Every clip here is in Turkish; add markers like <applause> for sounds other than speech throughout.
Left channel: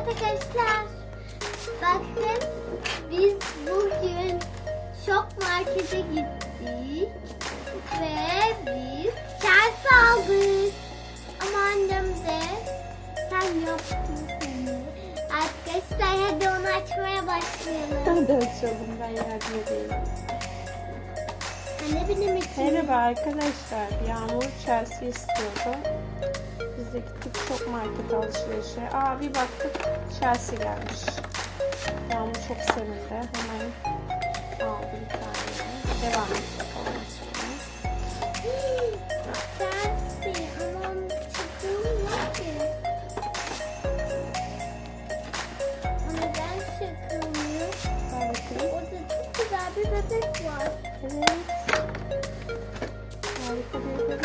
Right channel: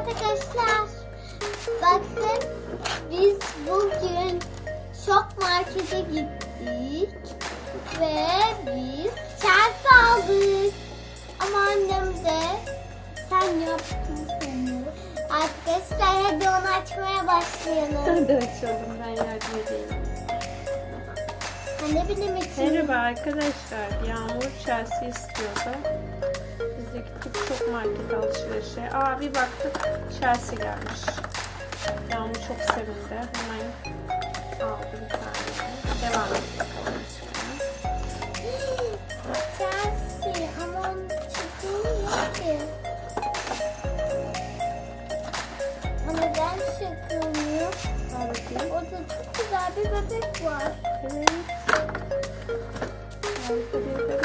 arkadaşlar. Bakın biz bugün şok markete gittik ve biz çarşı aldık. Ama annem de sen yaptın sanırım. Arkadaşlar hadi onu açmaya başlayalım. Hadi açalım ben yardım edeyim. Anne benim için. Merhaba arkadaşlar. Yağmur Chelsea istiyordu. Biz de gittik çok market alışverişe. Aa bir baktık Chelsea gelmiş. Yağmur çok sevindi. Hemen aldı bir tane. Devam et bakalım. Chelsea ama onun yok ki. Orada çok güzel bir bebek var. Evet. Harika bir bebeğin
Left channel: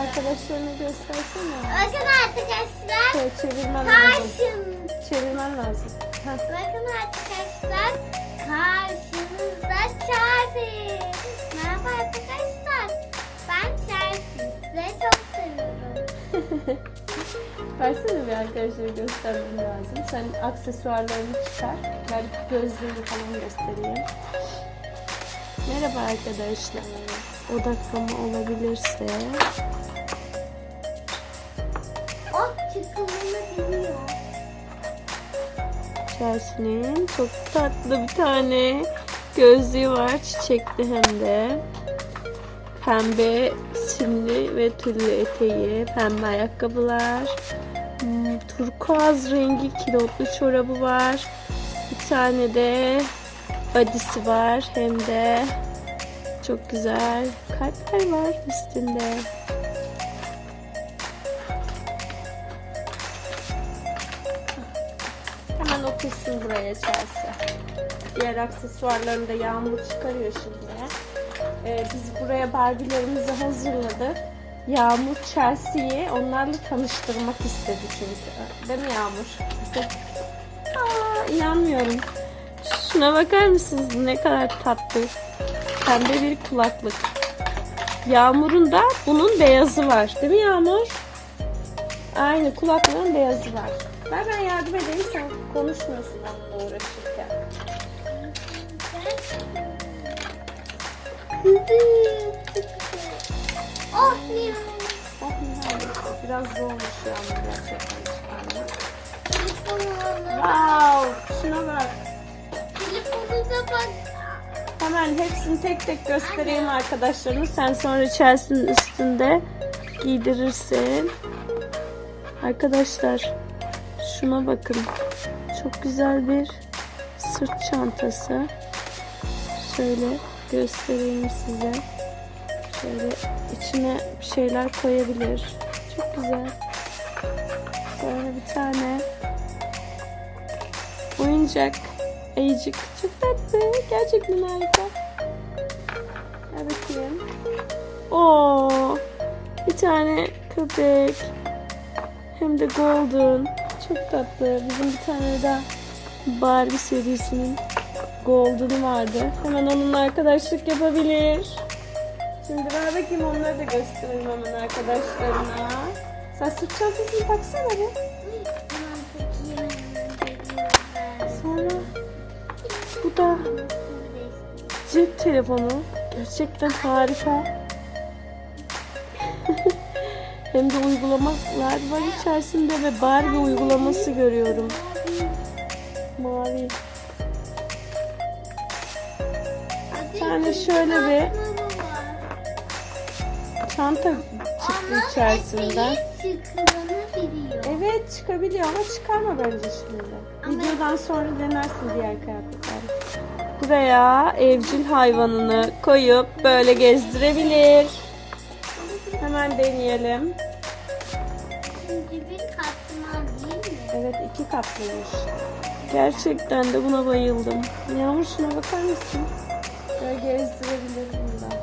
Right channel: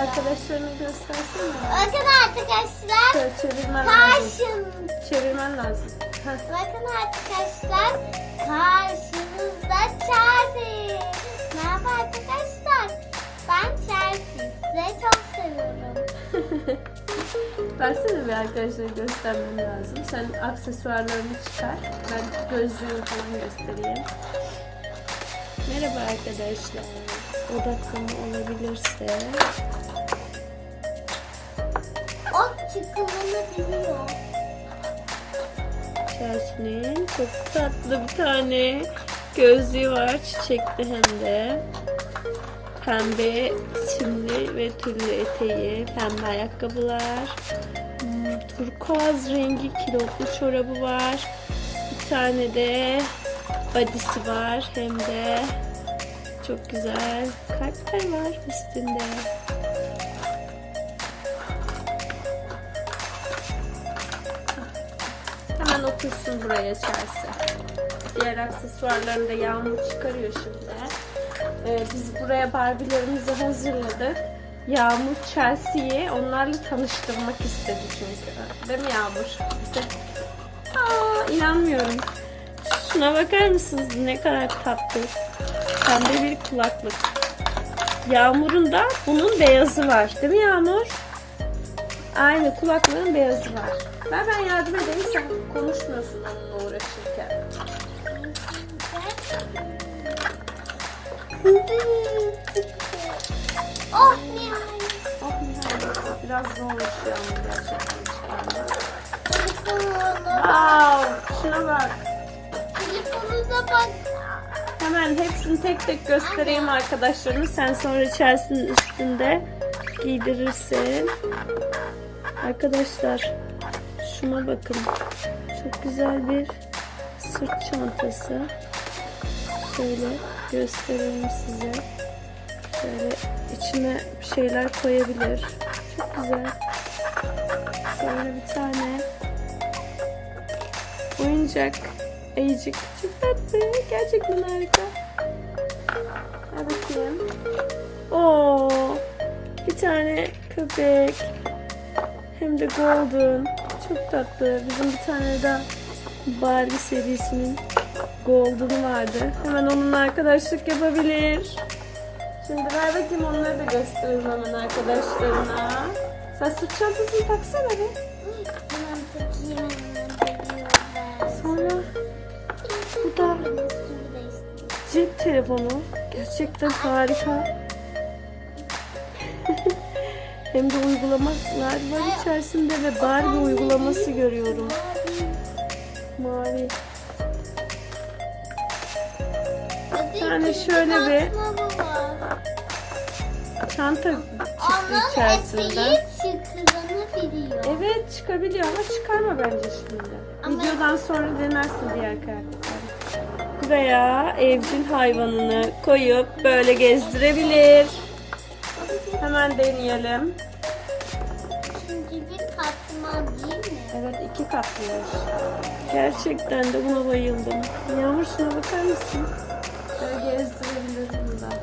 Arkadaşlarını göstersene. Bakın arkadaşlar. Şöyle çevirmen lazım. Çevirmen lazım. Heh. Bakın arkadaşlar. Karşınızda Chelsea. Merhaba arkadaşlar. Ben Chelsea. Sizi çok seviyorum. <laughs> Versene bir arkadaşlara göstermem lazım. Sen aksesuarlarını çıkar. Ben gözlerimi falan göstereyim. Merhaba arkadaşlar. Odaklama olabilirse. Chelsea'nin çok tatlı bir tane gözlüğü var. Çiçekli hem de. Pembe simli ve tüllü eteği, pembe ayakkabılar, hmm, turkuaz rengi kilotlu çorabı var. Bir tane de badisi var hem de çok güzel kalpler var üstünde. Buraya Chelsea. Diğer aksesuarlarını da Yağmur çıkarıyor şimdi. Ee, biz buraya Barbie'lerimizi hazırladık. Yağmur Chelsea'yi onlarla tanıştırmak istedi çünkü. Değil mi Yağmur? Aa, inanmıyorum. Şuna bakar mısınız ne kadar tatlı. Pembe bir kulaklık. Yağmur'un da bunun beyazı var. Değil mi Yağmur? Aynı kulaklığın beyazı var. Ver ben yardım edeyim sen konuşmuyorsun onunla uğraşırken. Oh nihayet. Oh nihayet. Biraz zormuş yani gerçekten çıkarmak. Telefonuna Wow, şuna bak. Telefonuna bak. Hemen hepsini tek tek göstereyim arkadaşlarım. Sen sonra Chelsea'nin üstünde giydirirsin. Arkadaşlar şuna bakın. Çok güzel bir sırt çantası. Şöyle göstereyim size. Şöyle içine bir şeyler koyabilir. Çok güzel. Sonra bir tane oyuncak ayıcık. Çok tatlı. Gerçekten harika. Ver bakayım. Oo, bir tane köpek. Hem de golden. Çok tatlı. Bizim bir tane daha Barbie serisinin golden'ı vardı. Hemen onunla arkadaşlık yapabilir. Şimdi ver bakayım onları da gösterelim hemen arkadaşlarına. Sen sırt çantasını taksana bir. Sonra bu da cep telefonu. Gerçekten harika. Hem de uygulamalar var içerisinde ve Barbie uygulaması görüyorum. Mavi. İkinci şöyle bir-. Çanta çıktı içerisinden. Evet çıkabiliyor ama çıkarma bence şimdi. Ama- Videodan sonra denersin diğer kıyafetleri. Veya evcil hayvanını koyup böyle gezdirebilir. Hemen deneyelim. İkinci bir katman değil mi? Evet iki katlıymış. Gerçekten de buna bayıldım. Yağmur şuna bakar mısın? Böyle gezdirebilir bunu da.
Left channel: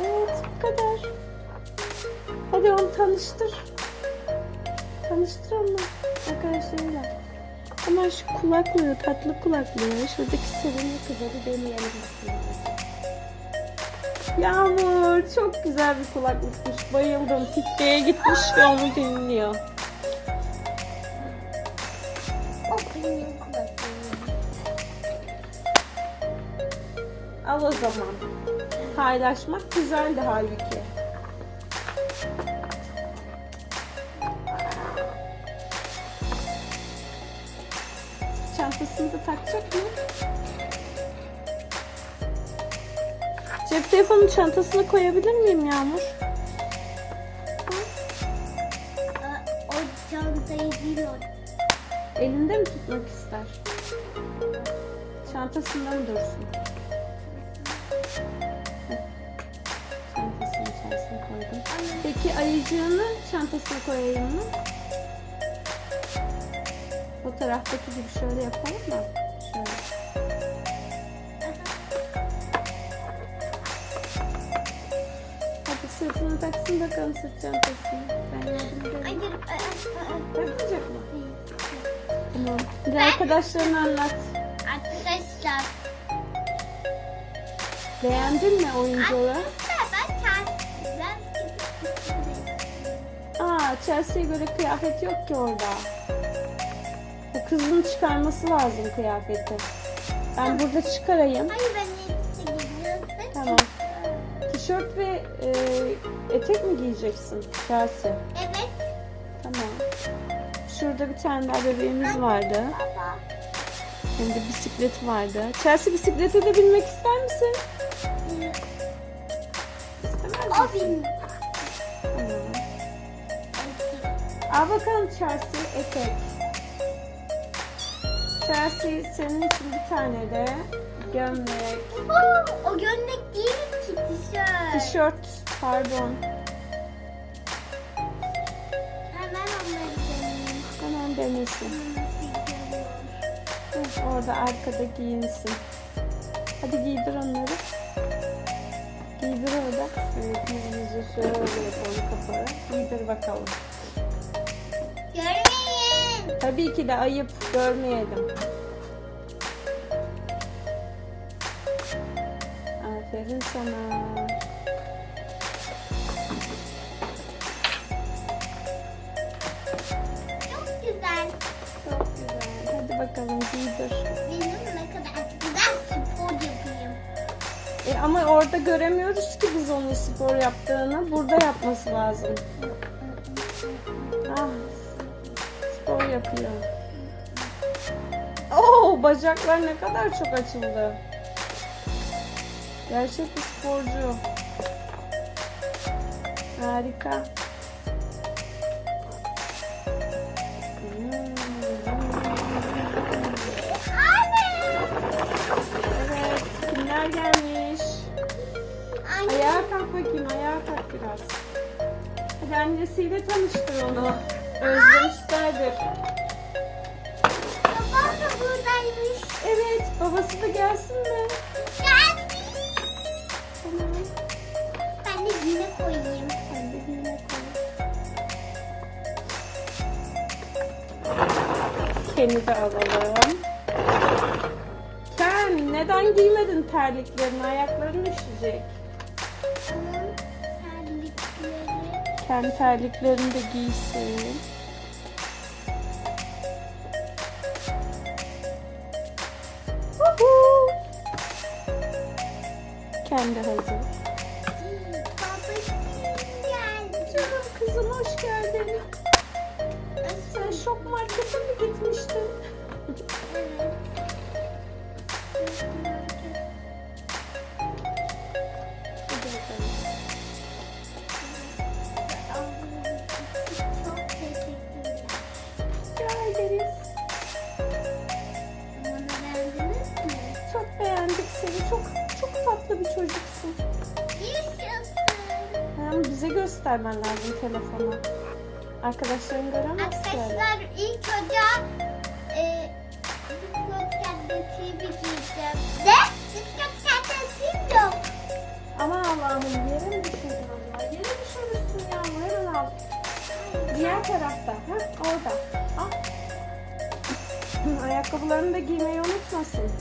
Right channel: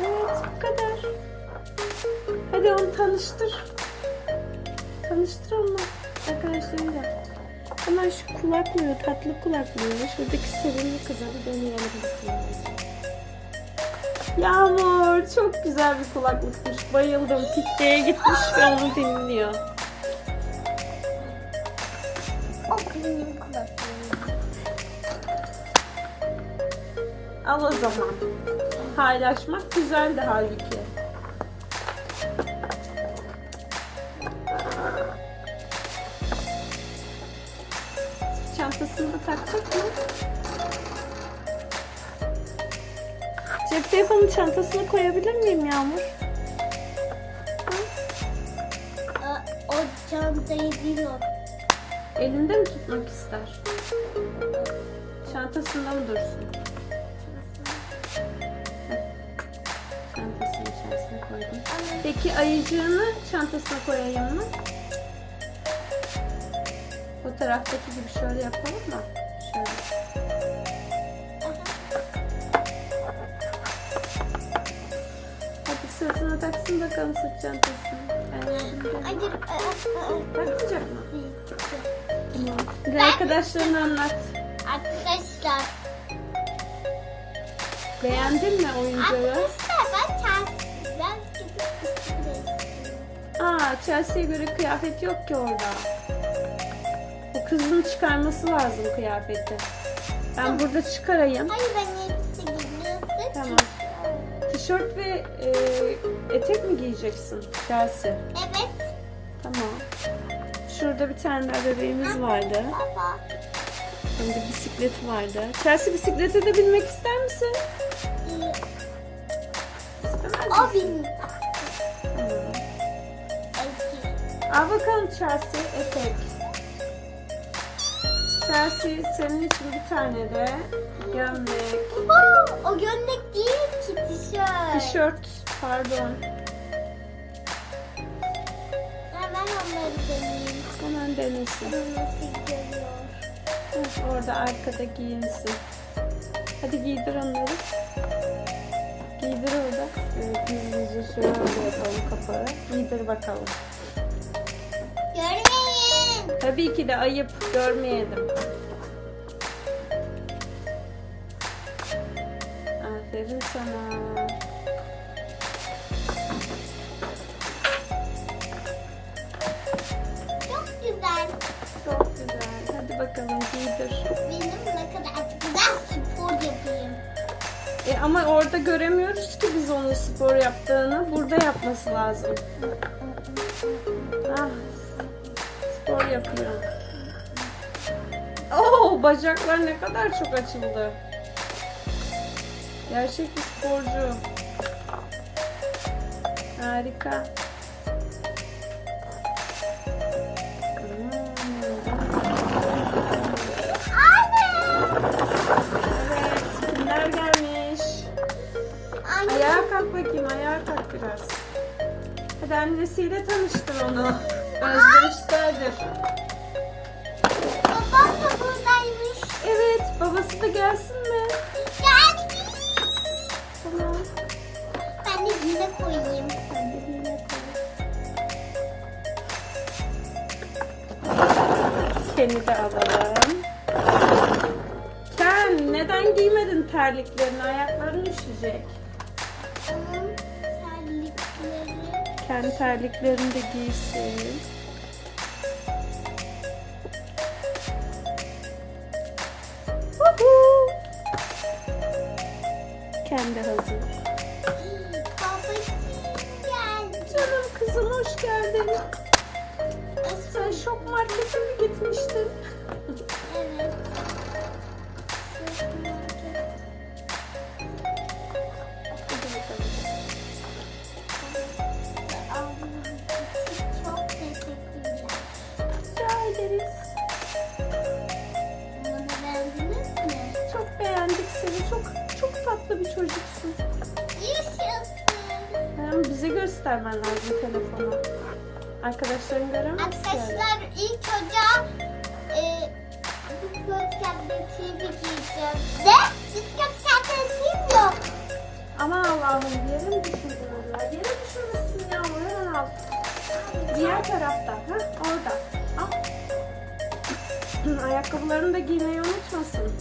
Evet bu kadar. Hadi onu tanıştır. Tanıştır onu arkadaşlarıyla. Hemen şu kulaklığı, tatlı kulaklığı, şuradaki sevimli kıza bir deneyelim. bakalım. Yağmur çok güzel bir kulaklıkmış. Bayıldım. Pikniğe gitmiş ve onu dinliyor. O benim kulaklığım. Al o zaman. Paylaşmak güzeldi halbuki. Telefonu çantasına koyabilir miyim Yağmur? O çantayı değil o. Elinde mi tutmak ister? Çantasında mı dursun? Çantasının içerisine koydum. Peki ayıcığını çantasına koyayım mı? Fotoğraftaki gibi şöyle yapalım mı? Hadi sırtına taksın bakalım sırt çantasını. Ben yardım Hadi. ederim. aa, aa, Takmayacak mı? Tamam. Bir de arkadaşlarına anlat. Arkadaşlar. Beğendin mi oyuncağı? Arkadaşlar ben istiyorum. Aa, Chelsea'ye göre kıyafet yok ki orada. Bu kızın çıkarması lazım kıyafeti. Ben burada çıkarayım. Hayır ben. Tişört ve e, etek mi giyeceksin Chelsea? Evet. Tamam. Şurada bir tane daha bebeğimiz vardı. Baba. De bisiklet vardı. Chelsea bisiklete de binmek ister misin? İstemez O. Tamam. Eski. Al bakalım Chelsea etek. Chelsea senin için bir tane de gömlek, Oo, o gömlek değil tişört. tişört, pardon. Hemen onları deneyeyim. Hemen denesin. Nasıl görüyor? Hı, Orada arkada giyinsin. Hadi giydir onları. Giydir orada. Evet, gizlice şöyle yapalım kapağı. Giydir bakalım. Görmeyin. Tabii ki de ayıp görmeyelim. Aferin sana. Çok güzel. Çok güzel. Hadi bakalım giydir. Benim ne kadar güzel spor yapayım. E ama orada göremiyoruz ki biz onun spor yaptığını. Burada yapması lazım. Ah, spor yapıyor. Oo, bacaklar ne kadar çok açıldı. Gerçek bir sporcu. Harika. Ayağa kalk bakayım, ayağa kalk biraz. Hadi annesiyle tanıştır onu. Özlemişlerdir. Babam da buradaymış. Evet, babası da gelsin mi? Seni de alalım. Sen neden giymedin terliklerini? Ayakların üşüyecek. Kendi terliklerini de giysin. Kendi hazır. Gitmiştin? Evet. Hadi bakalım. Aldığınız için çok teşekkürler. Rica ederiz. Bunu beğendiniz mi? Çok beğendik seni. Çok çok tatlı bir çocuksun. Yaşasın. Bize göstermen lazım telefonu. Arkadaşların göremez ki öyle. Arkadaşlar ilk önce e, Discord TV giyeceğim. Ne? Discord TV yok. Aman Allah'ım yere mi düşürdün Allah? Yere düşürmüşsün yağmur hemen al. Diğer tarafta. Ha orada. Al. <clears throat> Ayakkabılarını da giymeyi unutmasın.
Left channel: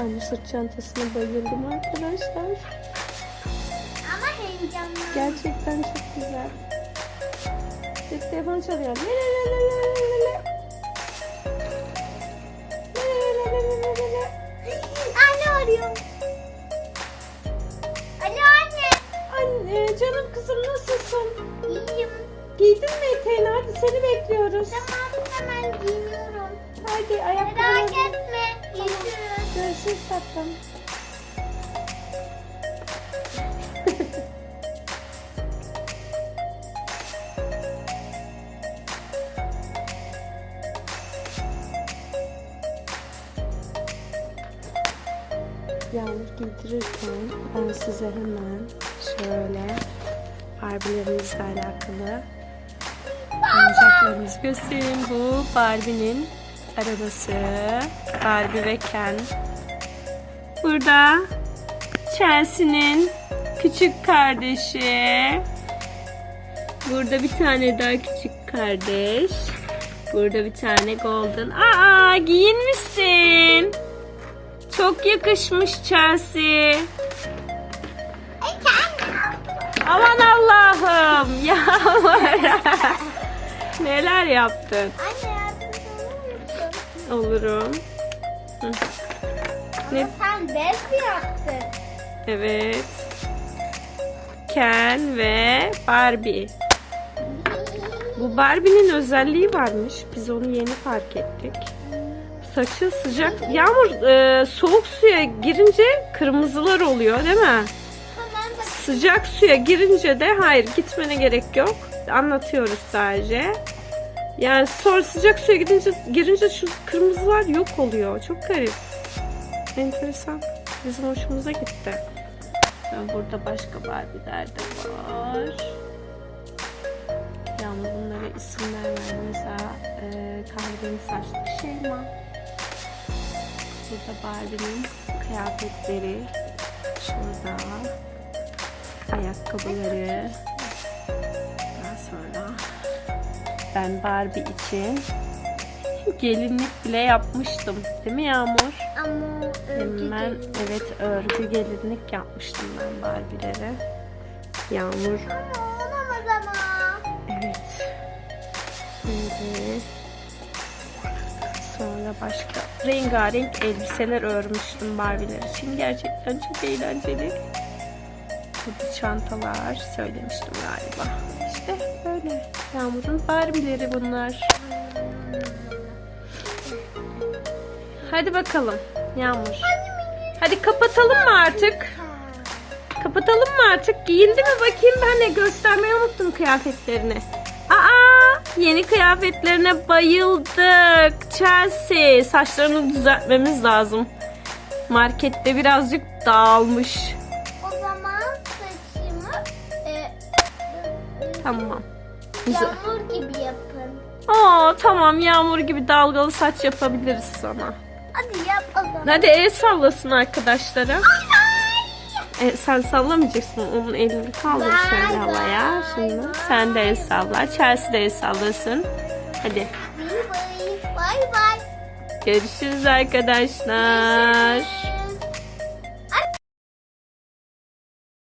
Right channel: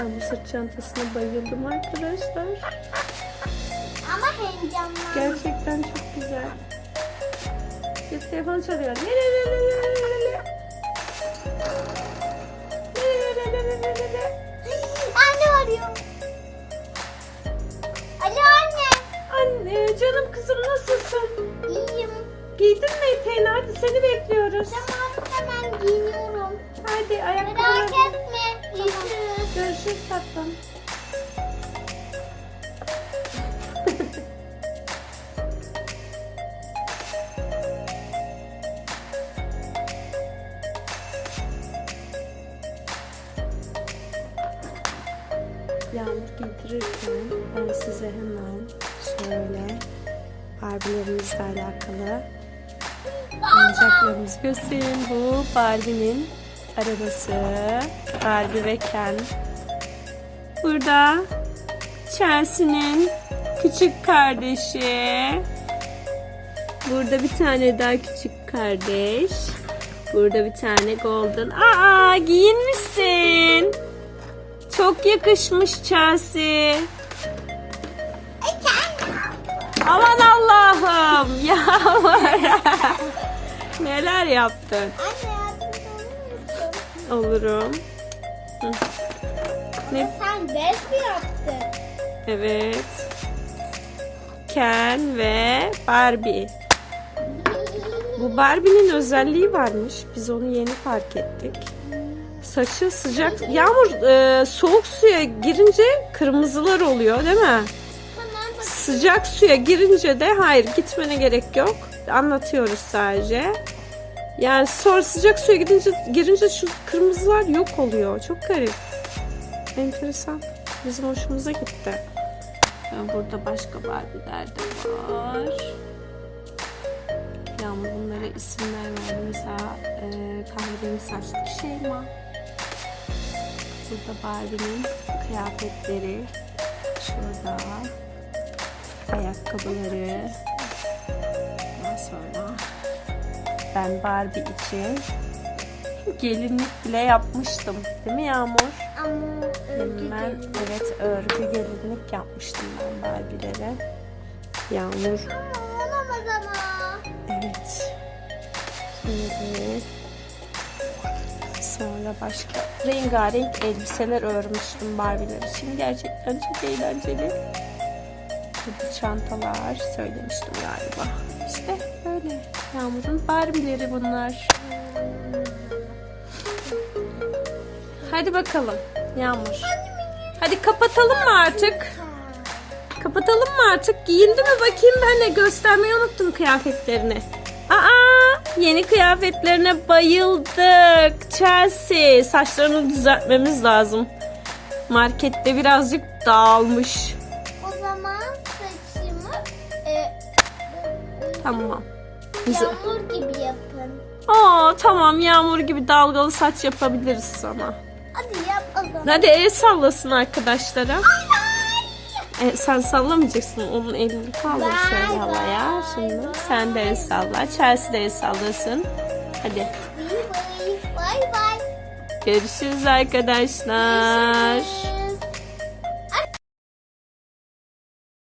Ben bu sırt çantasına bayıldım arkadaşlar. Ama heyecanlı. Gerçekten çok güzel. Bir telefon çalıyor. Le le le le le le le le. Le le le le le le le. Anne arıyor. Alo anne. Anne canım kızım nasılsın? İyiyim. Giydin mi eteğini? Hadi seni bekliyoruz. Tamam hemen giyiniyorum. Giydirirken ben size hemen şöyle Barbie'lerimizle alakalı oyuncaklarımızı göstereyim. Bu Barbie'nin arabası. Barbie ve Ken. Burada Chelsea'nin küçük kardeşi. Burada bir tane daha küçük kardeş. Burada bir tane golden. Aa giyinmişsin. Çok yakışmış Chelsea. Aman Allah'ım. <laughs> Yağmur. Neler yaptın? Anne yardımcı olur musun? Olurum. Ne? Ama sen bez mi yaptın? Evet. Ken ve Barbie. Bu Barbie'nin özelliği varmış. Biz onu yeni fark ettik. Saçı sıcak. Yağmur e, soğuk suya girince kırmızılar oluyor değil mi? Sıcak suya girince de hayır gitmene gerek yok. Anlatıyoruz sadece. Yani sonra sıcak suya gidince girince şu kırmızılar yok oluyor. Çok garip. Enteresan. Bizim hoşumuza gitti. Burada başka Barbie'ler de var. Yağmur bunlara isimler verdi. Mesela e, kahverengi saçlı Şeyma. Burada Barbie'nin kıyafetleri. Şurada ayakkabıları. Daha sonra ben Barbie için gelinlik bile yapmıştım. Değil mi Yağmur? Gelin. evet örgü gelinlik yapmıştım ben Barbie'lere. Yağmur Ama olamaz ama. evet. Şimdi sonra başka rengarenk elbiseler örmüştüm Barbie'ler için. Gerçekten çok eğlenceli. Burada çantalar söylemiştim galiba. İşte böyle. Yağmur'un Barbie'leri bunlar. Hadi bakalım Yağmur. Hadi kapatalım mı artık? Kapatalım mı artık? Giyindi mi bakayım ben de göstermeyi unuttum kıyafetlerini. Yeni kıyafetlerine bayıldık. Chelsea saçlarını düzeltmemiz lazım. Markette birazcık dağılmış. O zaman saçımı e, Tamam. Yağmur gibi yapın. Aa tamam yağmur gibi dalgalı saç yapabiliriz sana. Hadi yap o zaman. Hadi el sallasın arkadaşlara. E, sen sallamayacaksın. Onun elini kaldır şöyle vay, havaya. Şimdi sen de el salla. Chelsea de el sallasın. Hadi. Bay bay. Görüşürüz arkadaşlar.